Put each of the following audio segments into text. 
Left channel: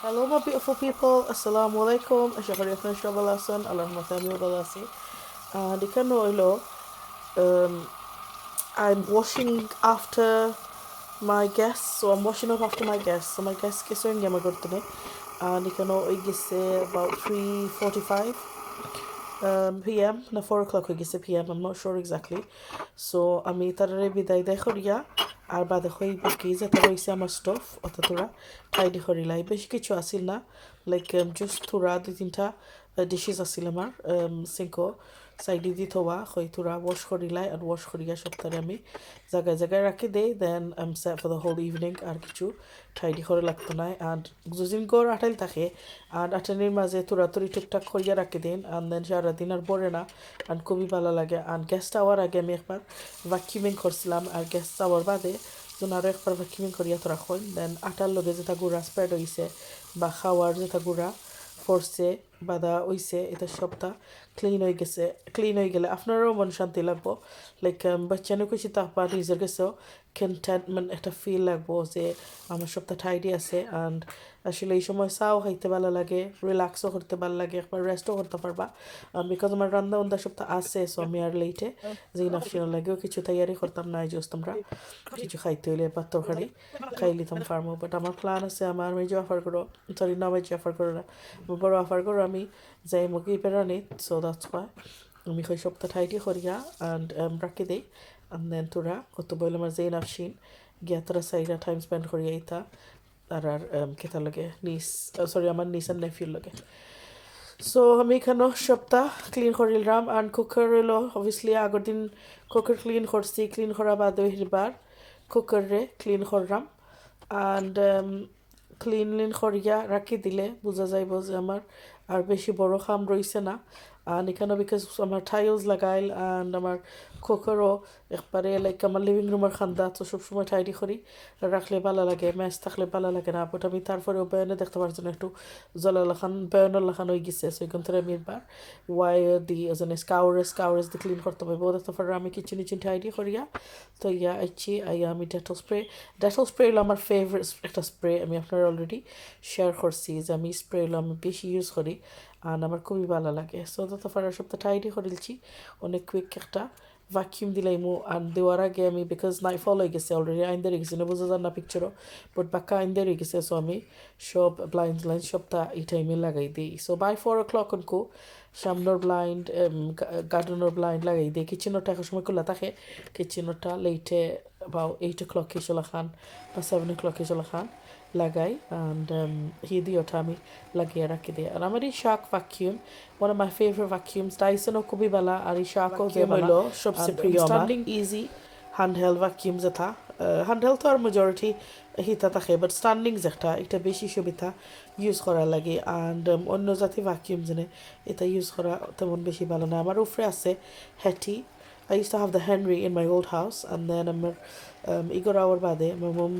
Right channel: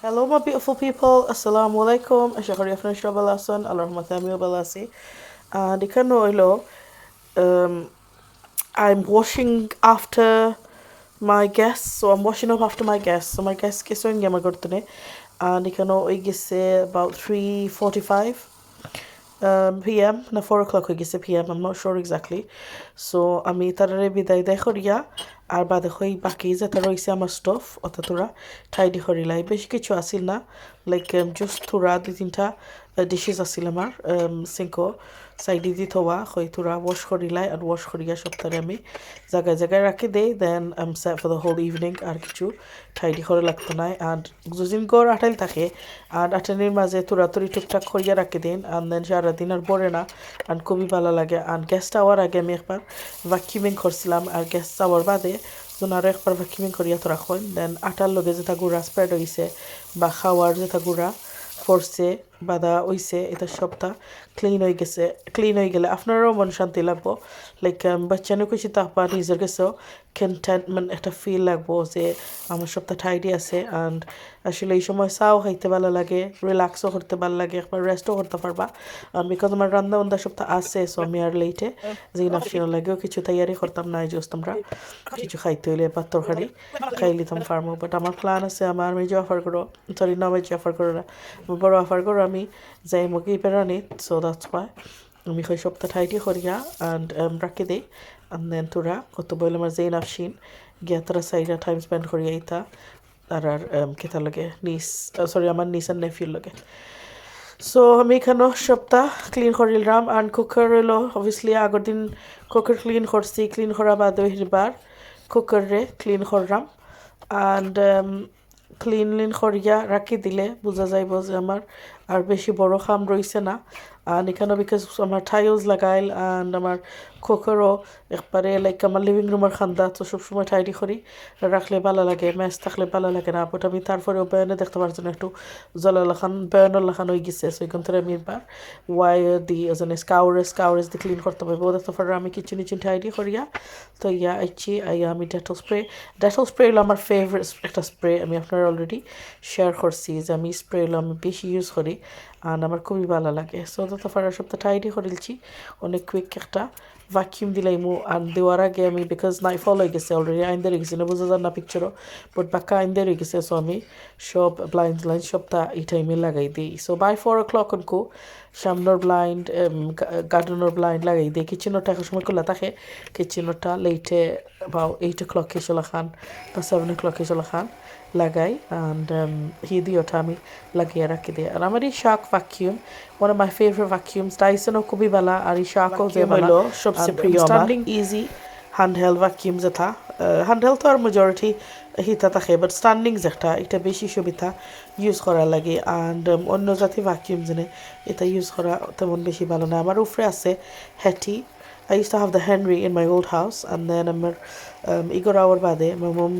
Hello, my beautiful people. Assalamu alaikum. Ashahari akhna shabal asan. Allahumma tami wa balasi. Dikano ilo. Um, I'm washing after my guests. So I'm washing up after my guests. So my guests kiso inge magurtune. Dikano igise about 3:45 p.m. na 4 o'clock igise p.m. I'm not sure exactly. So আমি তারারে বিদায় দেয় করিয়া আর বাদে হই বাকি যেটা রয়েছে আমার স্টফ অত তোরা টাইডি করিলাই বেশি কিছু আসিল না লাইক জাস্ট তোরা দুই তিনটা ডিশেস আসিল আমার সিঙ্কো সাইডে দি থোয়া হই তোরা ওয়াশ করিলাই আর ওয়াশ করিয়া সপ্তাহে আমি জায়গায় জায়গায় রাখি দেই then um set for the whole evening আর কিছু টাইডি করে লাগতো না আর যদিন গড় আটাইল থাকে আর আটানির মাঝে তোরাতুরি টুকটাক করিয়া রাখি দিন আর দেন সারাদিন আর পরে না আর খুবই ভালো লাগে আর গেস্ট আওয়ার আগে আমি একবার ভ্যাকিউমিং করছিলাম আর গেস্ট আওয়ার বাদে যখন আরও একবার ভ্যাকিউমিং করিয়া তো রাখুন দেন আটার লগে যেটা গুঁড়া স্প্রেড হয়েছে বা খাওয়ার যেটা গুঁড়া পড়ছে বাদা হইছে এটা সবটা ক্লিন হয়ে গেলে আপনারও মন শান্তি লাগবো লাইক বাচ্চানো কিছু তাপা নিজের কাছেও কন্টেন্টমেন্ট একটা ফিল লাগবো যে আমার সবটা টাইডি আছে অ্যান্ড আসলে এই সময় চাও খাইতে ভালো লাগে রিল্যাক্সও করতে ভালো লাগে একবার রেস্টও করতে পারবা বিকজ আমার রান্না বান্না সবটা আছে সো আমি আর লেটে যে নাফসিনো লাগেও কিছু তৈয়ারি করতাম না এই জোস্ত আমরা কিছু খাইতে হইলে বা তরকারি খাই লিতাম ফার্মো বাট আমার প্ল্যান আছে আমার মেজো অফার করো সরি না মেজো অফার করো না বড় অফার করো আমি যাই মুখে পেরানি সো দ্যাটস ওয়াই আমি ওই সপ্তাহ টাইডি করিয়া অ্যান্ড রাখি দিই and then তোরা কত বলে আমার যেই নাফসিন গিয়া তারা সাইডা টাইম স্পেন্ড করিয়া ইতা আর কেতার লগে নিস সরি আমার নিস আর নেফিউর লগে সো আমি এখানেও সপ্তাহ ক্লিন করিলাম অ্যান্ড কুকার হইলো অবভিয়াসলি আগের দিন কুকার ক্লিন করছি ক্লিন করা বাদে হিরবার কুকারে ক্লিন করলাম অ্যান্ড ক্লিন করিয়া রাখি দিলে বোঝা যাইব যে আমার আর বেশি বড় খাম রইছে না আর এখানে বিকজ আমার টাইলস লাগাইল অ্যান্ড আমার কুকারও একবারে লাইক আমার লিভিং রুমের খান্দা তো সবসময় টাইডি করি রাখলে ভালো লাগে ম্যাচ থাকলে ভালো লাগে না বাট আমি তারপরেও বয়ানে দেখতে পারছি না একটু জলালাখান বয়ানের লাখান হয়ে গেছে সো এখান থেকে আমি এবার ওয়ার দি এজনে স্কাউরেস দিয়ে ক্লিন করতে পারবো দেখতে পারো আমি কিচেন ইচিন টাইডি করিয়া তো ইয়া আইছি আইয়া আমি ডেটল স্প্রে হলো আমার ফেভারিট একটা স্প্রে আমি আপনার অলরেডি শেয়ার করছি যে আমি স্প্রে হলো আমি বেশি ইউজ করি আর আমার খুবই ভালো লাগে সো দেখতে পারো সপ্তাহ টাইডি করেছি অনেক কুইক একটা ভ্যাকিউম দিলাইমু আর দেওয়ার আগে আমি বিকজ নাইফল হয়ে গেছে অলরেডি আইন গেছে না বোঝা যান না পিকচারও বাট বাক্কা আইন হয়ে গেছে সো আমি সব ব্লাইন্ড সবটা এই টাইমে লাগাই দিই সো বাই 4 o'clock অনকো সামনের ব্লাইন্ড গার্ডেনের ব্লাইন্ড লাগাই দিই কিচেনটা এক সময় খোলা থাকে কিচেনটা লেটে বা 8 o'clock চলা খান বা 7 o'clock চলা খান লাগাই অ্যান্ড দিওটা আমি লাগিয়ে রাখি দিই আর আমার এই শাক vacuum one of my favorite vacuums Dyson খুবই ভালো আর এই শাকও যে ভালো সবচেয়ে প্রিয় আমার স্ট্যান্ডিং ইজি হ্যান্ডহেল্ড ভ্যাকিউম যেটা হ্যান্ডহেল্ড তো আর মেজরিটি হিতা থাকে বাট স্ট্যান্ডিং যেটা এটা বেশি সুবিধা ইউজ করা লাগে অ্যান্ড অন্য জাতি ভ্যাকিউম যেনে এটা ইউজ করা তেমন বেশি ভালো না আমার উপরে আছে Hattie I used to have the Henry in my old house and then আমার Igor hour বাদে my mom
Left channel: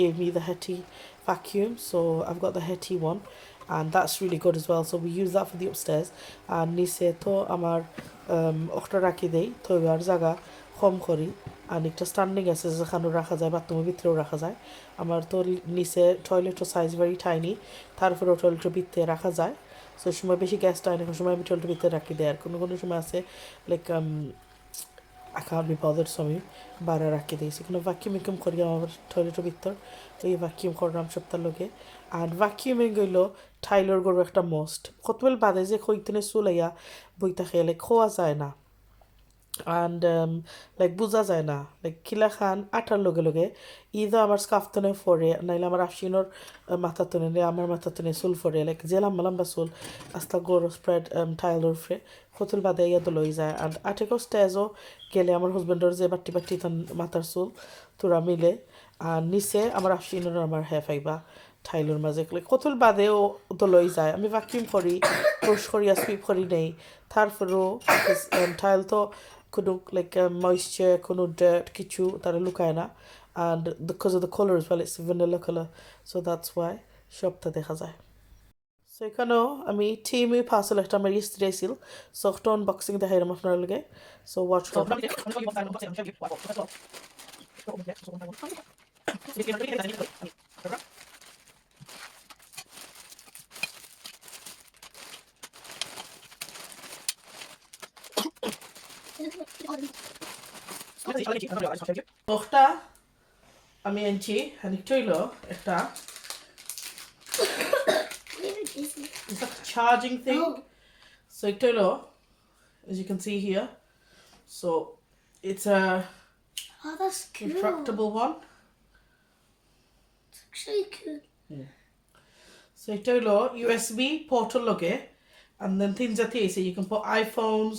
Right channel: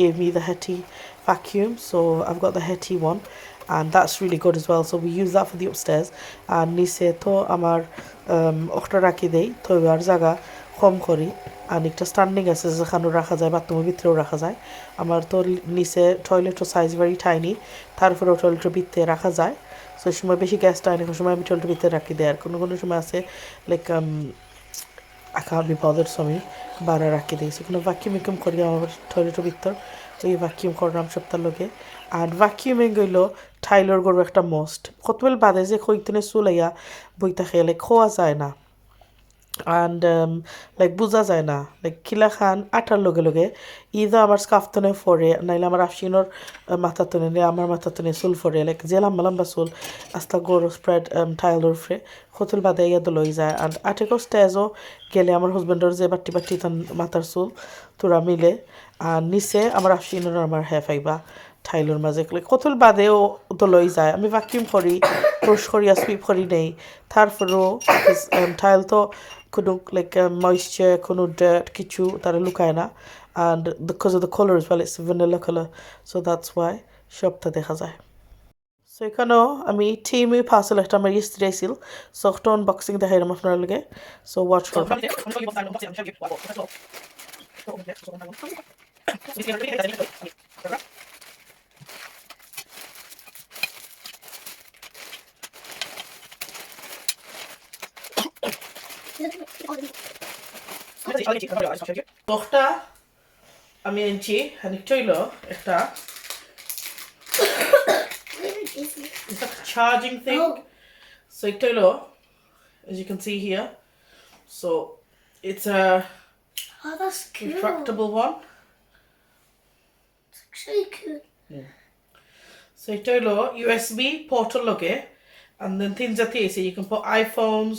gave me the Hetty vacuum so I've got the Hetty one and that's really good as well so we use that for the upstairs and নিচে তো আমার ওটা রাখি দেই তো আর জায়গা কম করি আর একটা স্ট্যান্ডিং আছে যেখানে রাখা যায় বাথরুমের ভিতরেও রাখা যায় আমার তো নিচে টয়লেটের সাইজ ভেরি টাইনি তারপরেও টয়লেটের ভিতরে রাখা যায় তো এই সময় বেশি গ্যাস টাইনি কোনো সময় আমি টয়লেটের ভিতরে রাখি দেয় আর কোনো কোনো সময় আছে like I can't be bothered so আমি বাড়া রাখি দিই সেখানে ভ্যাকিউম করি আমার টয়লেটের ভিতর ওই ভ্যাকিউম করলাম সপ্তাহ লোকে আর ভ্যাকিউমিং গইল টাইলর গরু একটা মোস্ট কতবেল বাদে যে কইতনে চুলাইয়া বইতা খেয়ে লাইক খোয়া যায় না অ্যান্ড লাইক বোঝা যায় না লাইক কিলা খান আটার লগে লগে ইদা আমার স্কাফতনে ফরে নাইলে আমার আফসিনোর মাথা তনে নে আমার মাথা তনে চুল ফরে লাইক যে লম্বা লম্বা চুল আস্তা গরু স্প্রেড টাইলর ফ্রে কতল বাদে ইয়াদ লই যায় অ্যান্ড আটেকো স্টেজও গেলে আমার হাজবেন্ডর যে বাটি বাটি তান মাথার চুল তোরা মিলে আর নিচে আমার আফসিনোর আমার পাইবা ঠাইলোর মাঝে কতল বাদেও তো লই যায় আমি ভ্যাকিউম করি ব্রাশ করিয়া সুইপ করি নেই তারপরেও ঠাইল তো কোনো লাইক ময়েশ্চার কোনো ডার্ট কিছু তারা লুকায় না and because of the color as well it's a vanilla color so that's why সবটা দেখা যায় সো এখানেও আমি টিমি পার্সেল একটা আমার ইস্ত্রি ছিল সো একটা আনবক্সিং দেখাইলাম আপনার লগে সো ওয়াচ করবেন Tohta আমি এনেছি খানিকটা হইলো একটা it's like a charging thing. So এটা হইলো, as you can see here. So it's a that's cool. retractable one. It's actually cool. So এটা হইলো USB portal লগে, and then things are here. So you can put iPhones,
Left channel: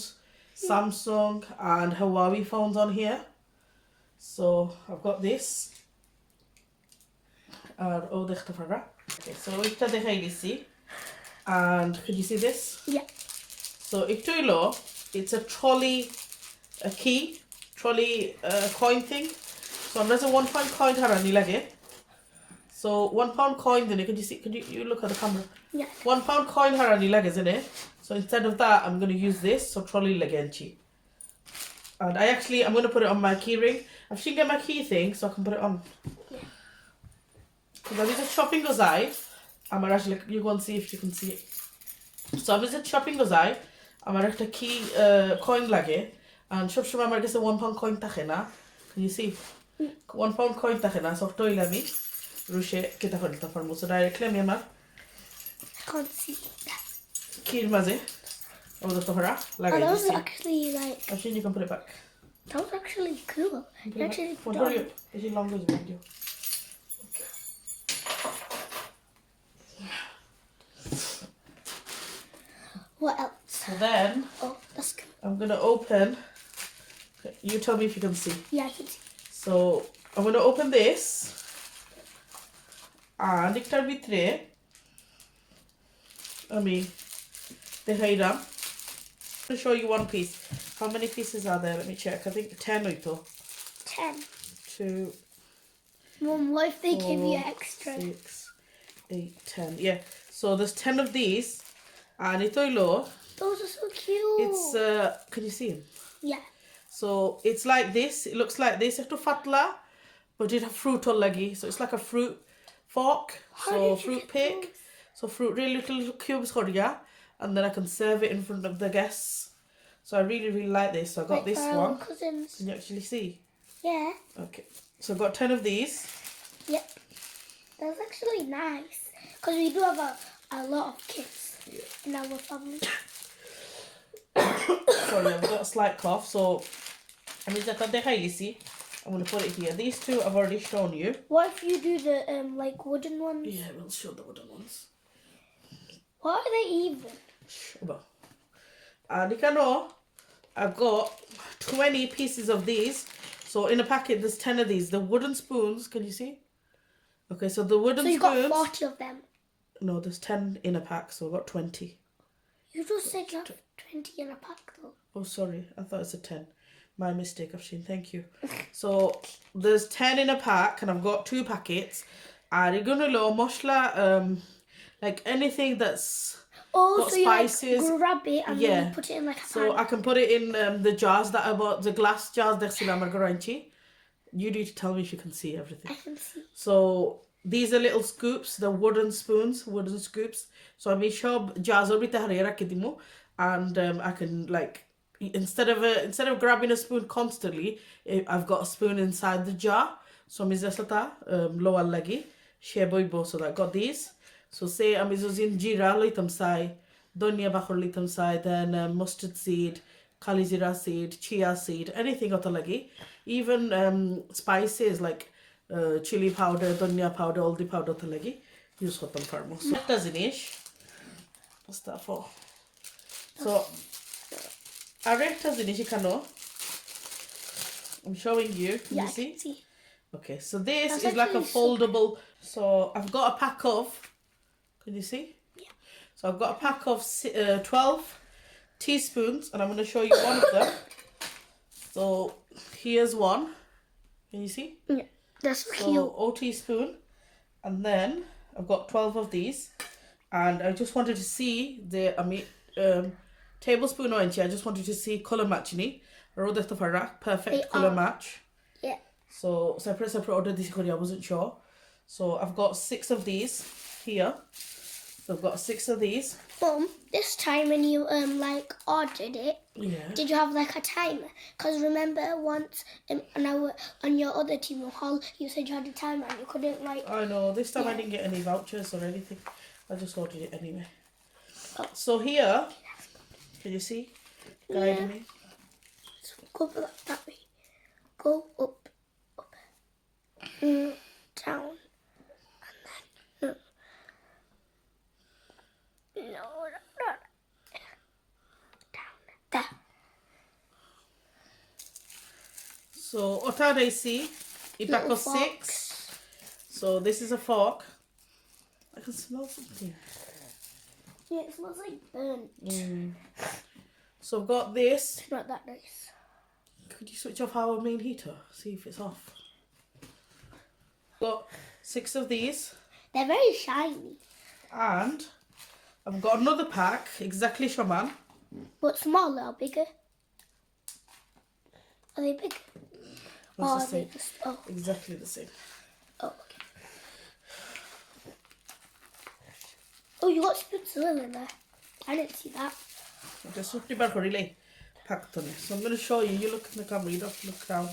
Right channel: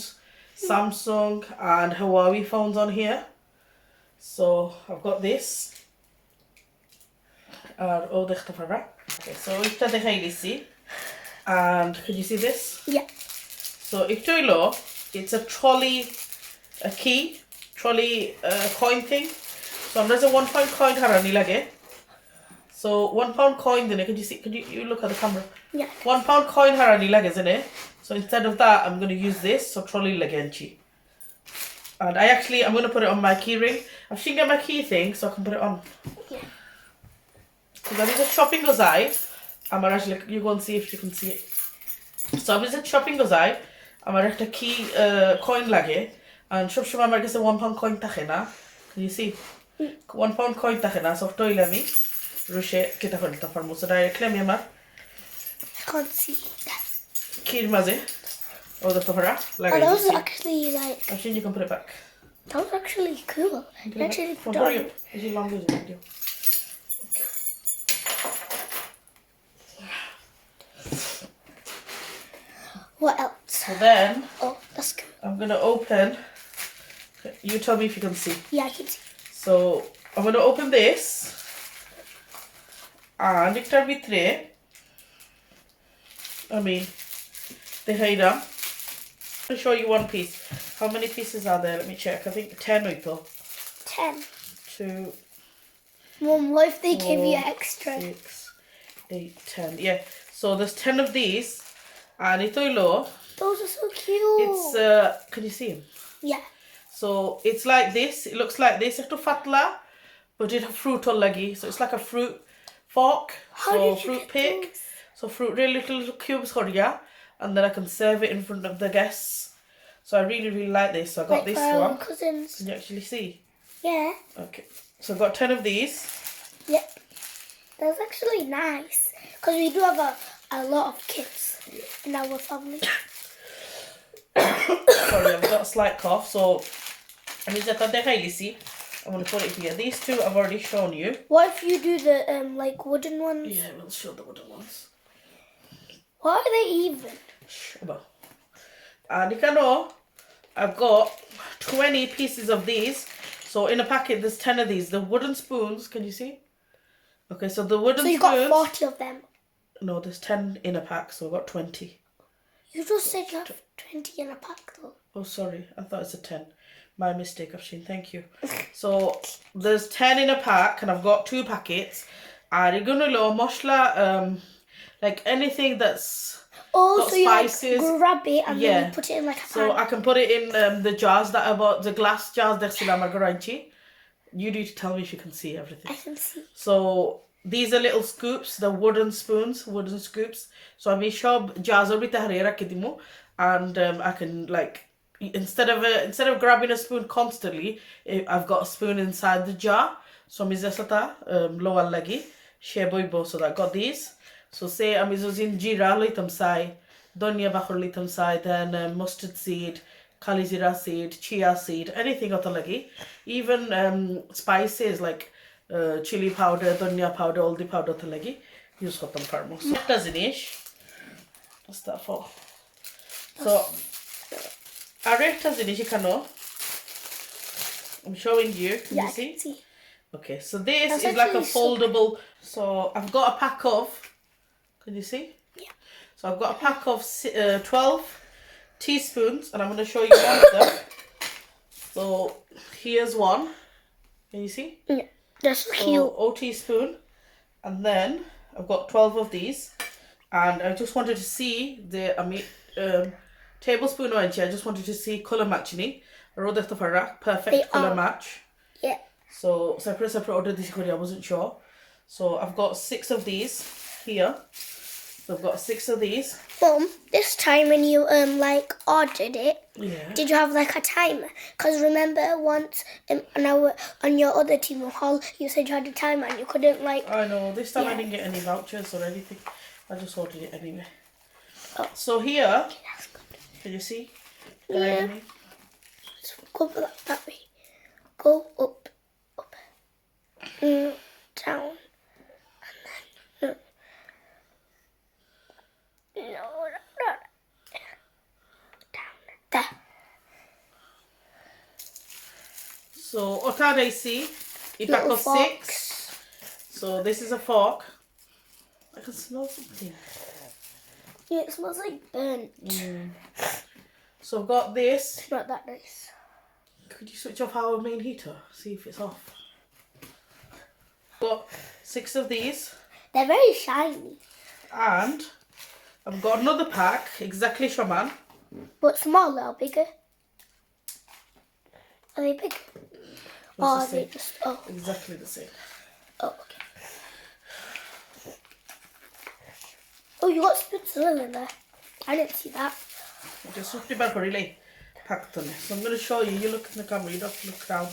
Samsung and Huawei phones on here. So I've got this. Okay, so এটা দেখাই দিছি. And could you see this? Yeah. So এটা হইলো, it's a trolley, a key, trolley coin thing. So there's a £1 coin harani lage. So £1 coin then could you see, you look at the camera? Yeah. £1 coin harani lage, isn't it? So instead of that I'm going to use this, so trolley lagenchi. And I'm going to put it on my key ring. I've seen get my key thing so I can put it on. Yeah. So that is a shopping gozai. I'm actually, you go and see if you can see it. So I'm just shopping gozai. I'm a key coin lage. And shop shop আমার কাছে £1 coin থাকে না. Can you see? £1 coin থাকে না. So toile আমি রুশে কেটে ফেলতে পারবো। So directly আমি আমার I can't see that. কির মাঝে ওটা তোরা Oh, লাগাই that was দিছি। actually like, Actually you can put it back. that was actually cool. You actually put Hurry on. up. Is it long as you video? What else? So then Oh, that's cool. I'm gonna open. You tell me if you can see. Yeah, I can see. So I'm gonna open this. And একটার ভিতরে আমি দেখাইলাম. To show you one piece. How many pieces are there? Let me check. I think 10 হইতো. 10. 2, Mom, what if they give you 4, extra? 6, 8, 10. Yeah. So there's 10 of these. And ito hilo, Those are so cute. it's can you see him? Yeah. So it's like this. It looks like this. Ekto fatla, but it have fruit all lagi. So it's like a fruit fork. How So did you fruit get pick. those? So fruit, really little cubes horia, and then I can serve it in front of the guests. So I really like this. So I got Like this our one. cousins. Can you actually see? Yeah. Okay. So I've got 10 of these. Yep. That's actually nice. Because we do have a lot of kids in our family. Sorry, I've got a slight cough. So I'm going to put it here. These two I've already shown you. What if you do the like wooden ones? Yeah, we'll show the wooden ones. What are they even? And you can know I've got 20 pieces of these. So in a packet there's 10 of these. The wooden spoons, can you see? Okay, so the wooden So you spoons. got 40 of them. No, there's 10 in a pack, so I've got 20. You just said you have 20 in a pack though. Oh, sorry, I thought it's a 10. My mistake, Afshin, thank you. So there's 10 in a pack, and I've got 2 packets. And you're gonna know moshla, like anything that's Oh, got so you like spices. grab it and then Yeah. you put it in like a So pan. I can put it in the jars that I bought, the glass jars that are garanchi. You need to tell me if you can see everything. I can see. So these are little scoops, the wooden spoons, wooden scoops. So I'm shop jars and I can like instead of grabbing a spoon constantly, I've got a spoon inside the jar. So I'm low lagi sheboibo. So I got these. So say I'm using jira litam sai, donya bakhur litam sai, then mustard seed, kalizira seed, chia seed, anything lagi. Even spices like chili powder, dhania powder, haldi powder lagi use hotam farmo. So that doesn't ish. What's that for? So areta zinish kano. I'm showing you. Can Yeah, you I can see. Okay, so this That's is like a actually so foldable. So I've got a pack of. Can you see? Yeah. So I've got a pack of 12 teaspoons, and I'm going to show you one of them. So here's one. Can you see? Yeah, that's so So cute. O teaspoon, and then I've got 12 of these, and I just wanted to see the tablespoon orange. I just wanted to see color matching. Perfect They color are. match. Yeah. So separate order this I wasn't sure. So I've got 6 of these here. So I've got 6 of these. Mum, this time when you like ordered it, Yeah. did you have like a timer? Because remember once on your other team hall, you said you had a timer and you couldn't like. I know. This time I Yeah. didn't get any vouchers or anything. I just ordered it anyway. Oh. So here, That's good. can you see? Yeah. Guide me. So go that way. Go up, down, and then no, down there. So what I see? A pack Little of forks. 6. So this is a fork. I can smell something. Yeah, it smells like burnt. So I've got this. It's not that nice. Could you switch off our main heater? See if it's off. Got 6 of these. They're very shiny, And I've got another pack, exactly shaman. but smaller or bigger. Are they big? Or are they just? Oh, Exactly the same. oh, okay. Oh, you got spoons as well in there. I didn't see that. Just look the back really packed on it. So I'm going to show you. You look in the camera. You don't have to look down.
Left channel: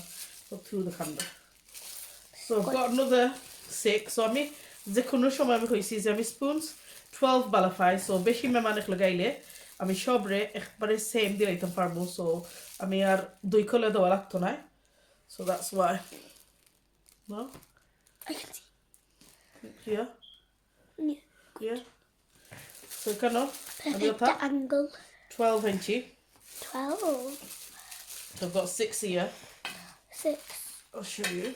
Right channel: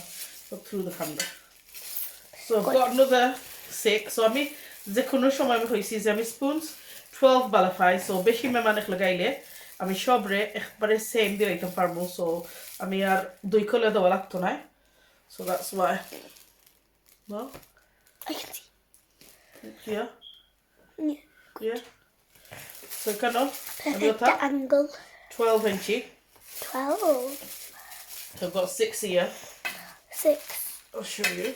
Look through the camera. So I've got another 6. So আমি যে কোনো সময় আমি কইছি যে আমি spoons 12 বালাফাই so বেশি মেহমান লাগাইলে আমি সবরে একবারে সেম দিয়ে রাখতে পারবো সো আমি আর 2 কলে দেওয়া লাগতো না so that's why no I can see. yeah Yeah. yeah so kind of Perfect angle. 12 inch 12. so I've got 6 here 6. I'll show you.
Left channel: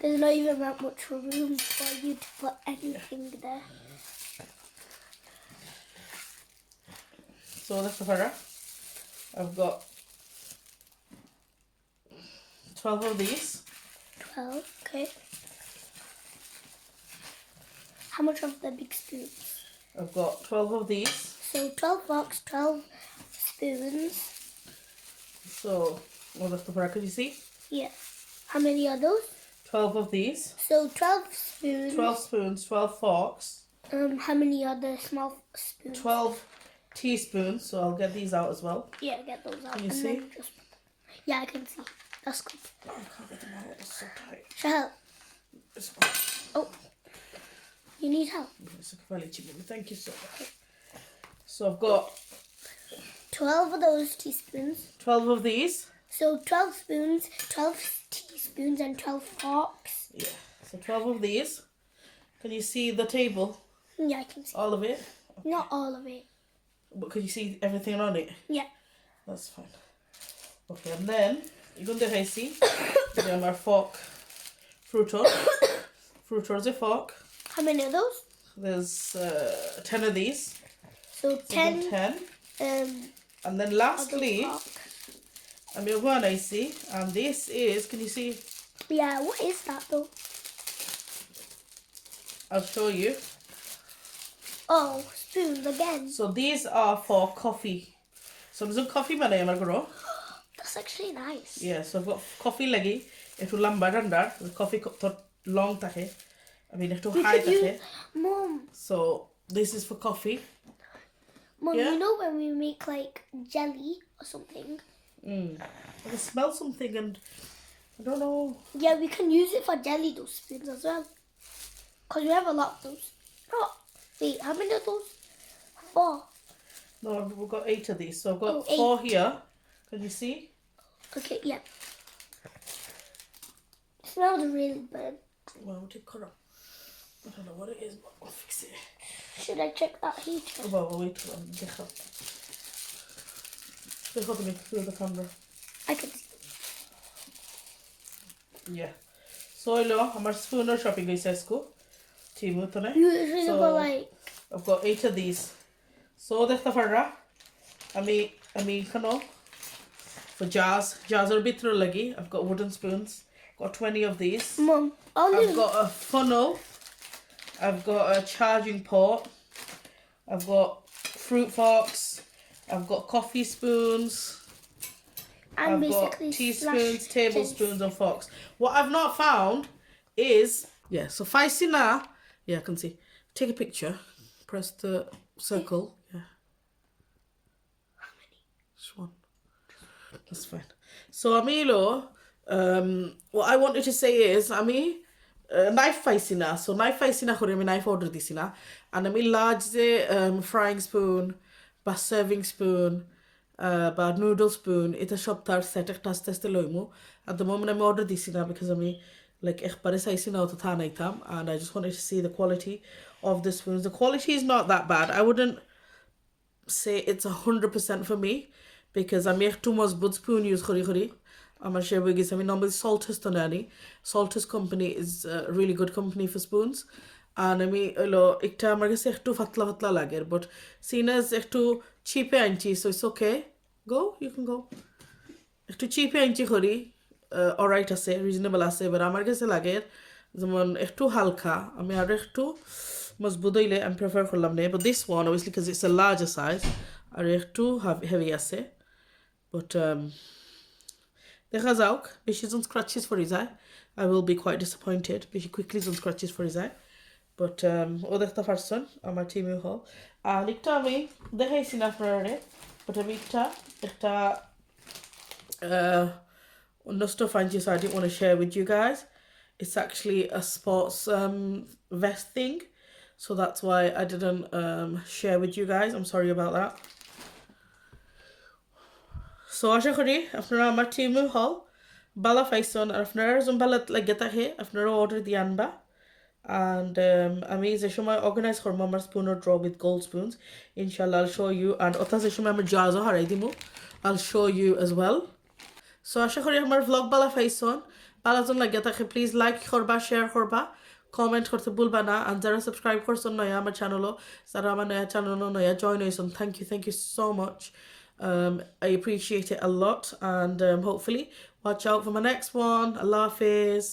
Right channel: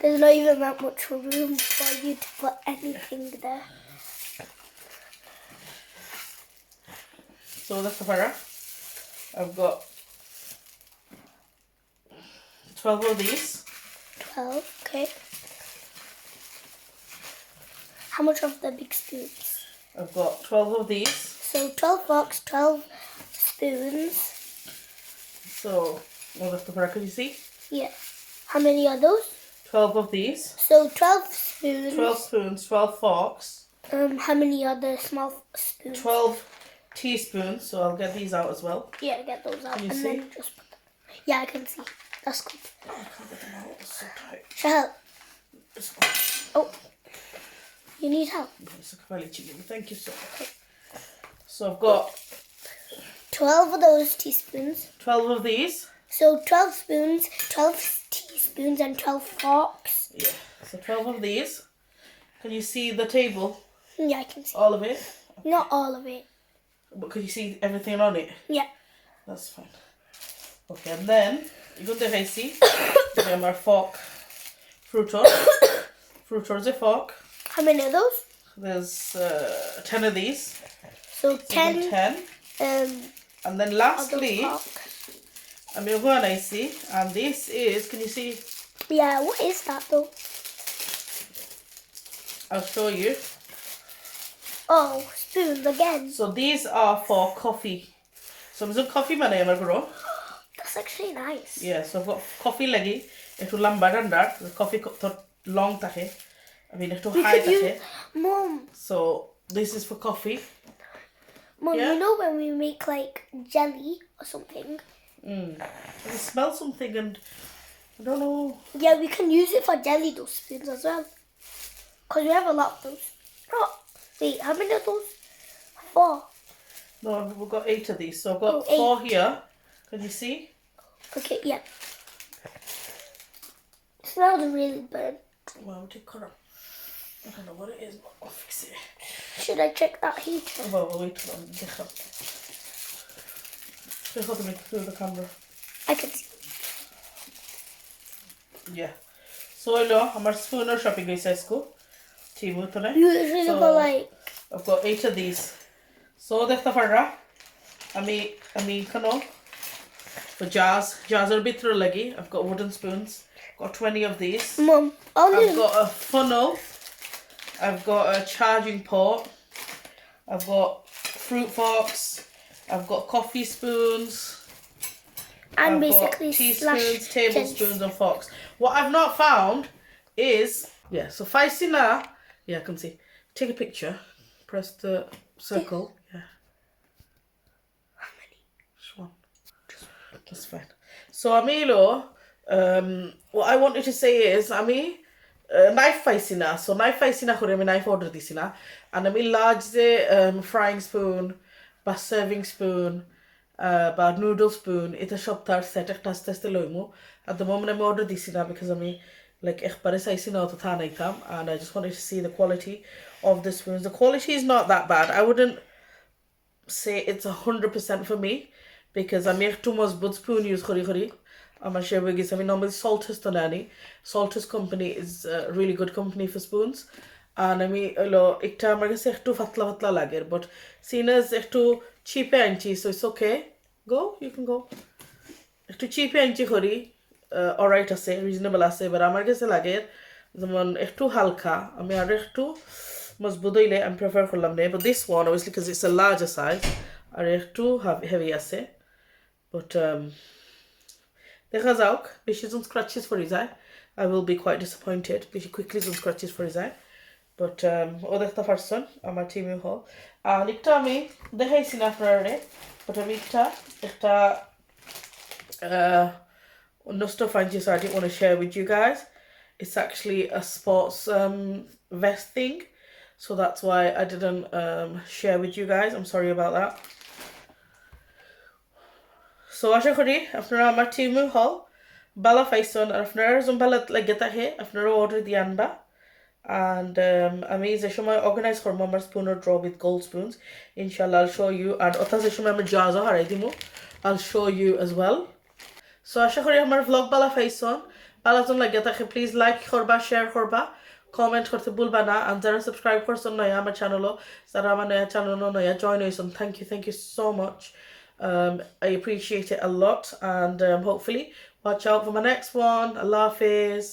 There's not even that much room for you to put anything there. So that's the fire. I've got 12 of these. 12, okay. How much of the big spoons? I've got 12 of these. So 12 forks, 12 spoons. So, well, that's the fire. Can you see? Yeah. How many are those? 12 of these. So 12 spoons. 12 spoons, 12 forks. How many are the small spoons? 12 teaspoons. So I'll get these out as well. Yeah, get those out. Can you and see? then just put them. Yeah, I can see. That's good. It's so tight. Shall I help? This one. Oh. You need help? It's a fairly cheap. Thank you so much. So I've got 12 of those teaspoons. 12 of these. So 12 spoons, 12 teaspoons, and 12 forks. Yeah. So 12 of these. Can you see the table? Yeah, I can see. All of it? Not all of it. But can you see everything on it? Yeah. That's fine. Okay, and then you're going to see our fork. Fruiter. Fruiter is a fork. How many of those? There's 10 of these. So So 10. 10. And then Of lastly, the fork. I'm going to go and I see. And this is, can you see? Yeah, what is that though? I'll show you. Oh, spoons again. So these are for coffee. So I'm going coffee man I grow. That's actually nice. Yeah, so I've got coffee lagi. It'll lambar and that. The coffee long take. I mean, it'll We high could use, take. Mom, So this is for coffee. Mom, Yeah? you know when we make like jelly or something? I can smell something and I don't know. Yeah, we can use it for jelly, those spoons as well. Because we have a lot of those. Oh, wait, how many of those? 4. No, we've got 8 of these. So I've got Oh, 4 8. here. Can you see? Okay, yeah. It smells really burnt. Well, we'll take colour. I don't know what it is, but I'll fix it. Should I check that heater? Well, we'll wait till I'm different. Just look at me through the camera. I can see. Yeah. So, hello, I'm spoon or shopping guys. You usually So- go like, I've got 8 of these. So, that's the farra. I mean, for jars. Jars are a bit through leggy. I've got wooden spoons. Got 20 of these. Mom, I've only got a funnel. I've got a charging port. I've got fruit forks. I've got coffee spoons. and I've basically got teaspoons, slash tablespoons, and forks. What I've not found is so Faisina. Yeah, I can see take a picture. Press the circle. Yeah. How many? Just one. That's fine. So Amilo, what I wanted to say is Ami knife faisina. So knife faisina kore ami knife order disila. And Ami large frying spoon, বা serving spoon, বা noodle spoon. Ita সপ্তাহ set একটা আস্তে আস্তে লইমু. At the moment আমি order দিছি না because আমি like একবারে চাইছি না অত থা নাইতাম, and I just wanted to see the quality of the spoons. The quality is not that bad. I wouldn't say it's 100% for me because I'm too much but spoon use khori. I'm share with you. I mean, normally Salters to nanny. Salters company is a really good company for spoons. And I mean, ekta আমার কাছে একটু ফাতলা ফাতলা লাগে, but seen as একটু cheap আনছি, so it's okay. Go, you can go. একটু cheap আনছি করি, alright আছে, reasonable আছে, but আমার কাছে লাগে যেমন একটু হালকা, আমি আর একটু মজবুত হইলে আমি prefer করলাম না, but this one obviously because it's a larger size আর একটু heavy আছে, but দেখা যাওক বেশি জন scratches for his eye I will be quite disappointed বেশি quickly John scratches for his eye, but ও দেখতে পারছেন আমার টিমে হল আর একটা আমি দেখাইছি না আপনারা, but আমি একটা no stuff I just I didn't want to share with you guys. It's actually a sports vest thing, so that's why I didn't share with you guys. I'm sorry about that. So আশা করি আপনারা আমার টিমে হল বালা পাইছেন আর আপনারা যেন বালা লাগে থাকে আপনারা অর্ডার দিয়ে আনবা, and আমি যে সময় অর্গানাইজ করবো আমার স্পুনের ড্র উইথ গোল্ড স্পুনস ইনশাল্লাহ I'll show you, and অর্থাৎ যে সময় আমার জাজও হারাই দিব I'll show you as well. So আশা করি আমার vlog বালা পাইছেন, বালা জন লাগে থাকে প্লিজ লাইক করবা, শেয়ার করবা, কমেন্ট করতে ভুলবা না, আর যারা সাবস্ক্রাইব করছেন নয়া আমার চ্যানেলও, যারা আমার নয়া চ্যানেলও নয়া জয়েন হয়েছেন, thank you so much. I appreciate it a lot, and hopefully watch out for my next one. Allah Hafiz.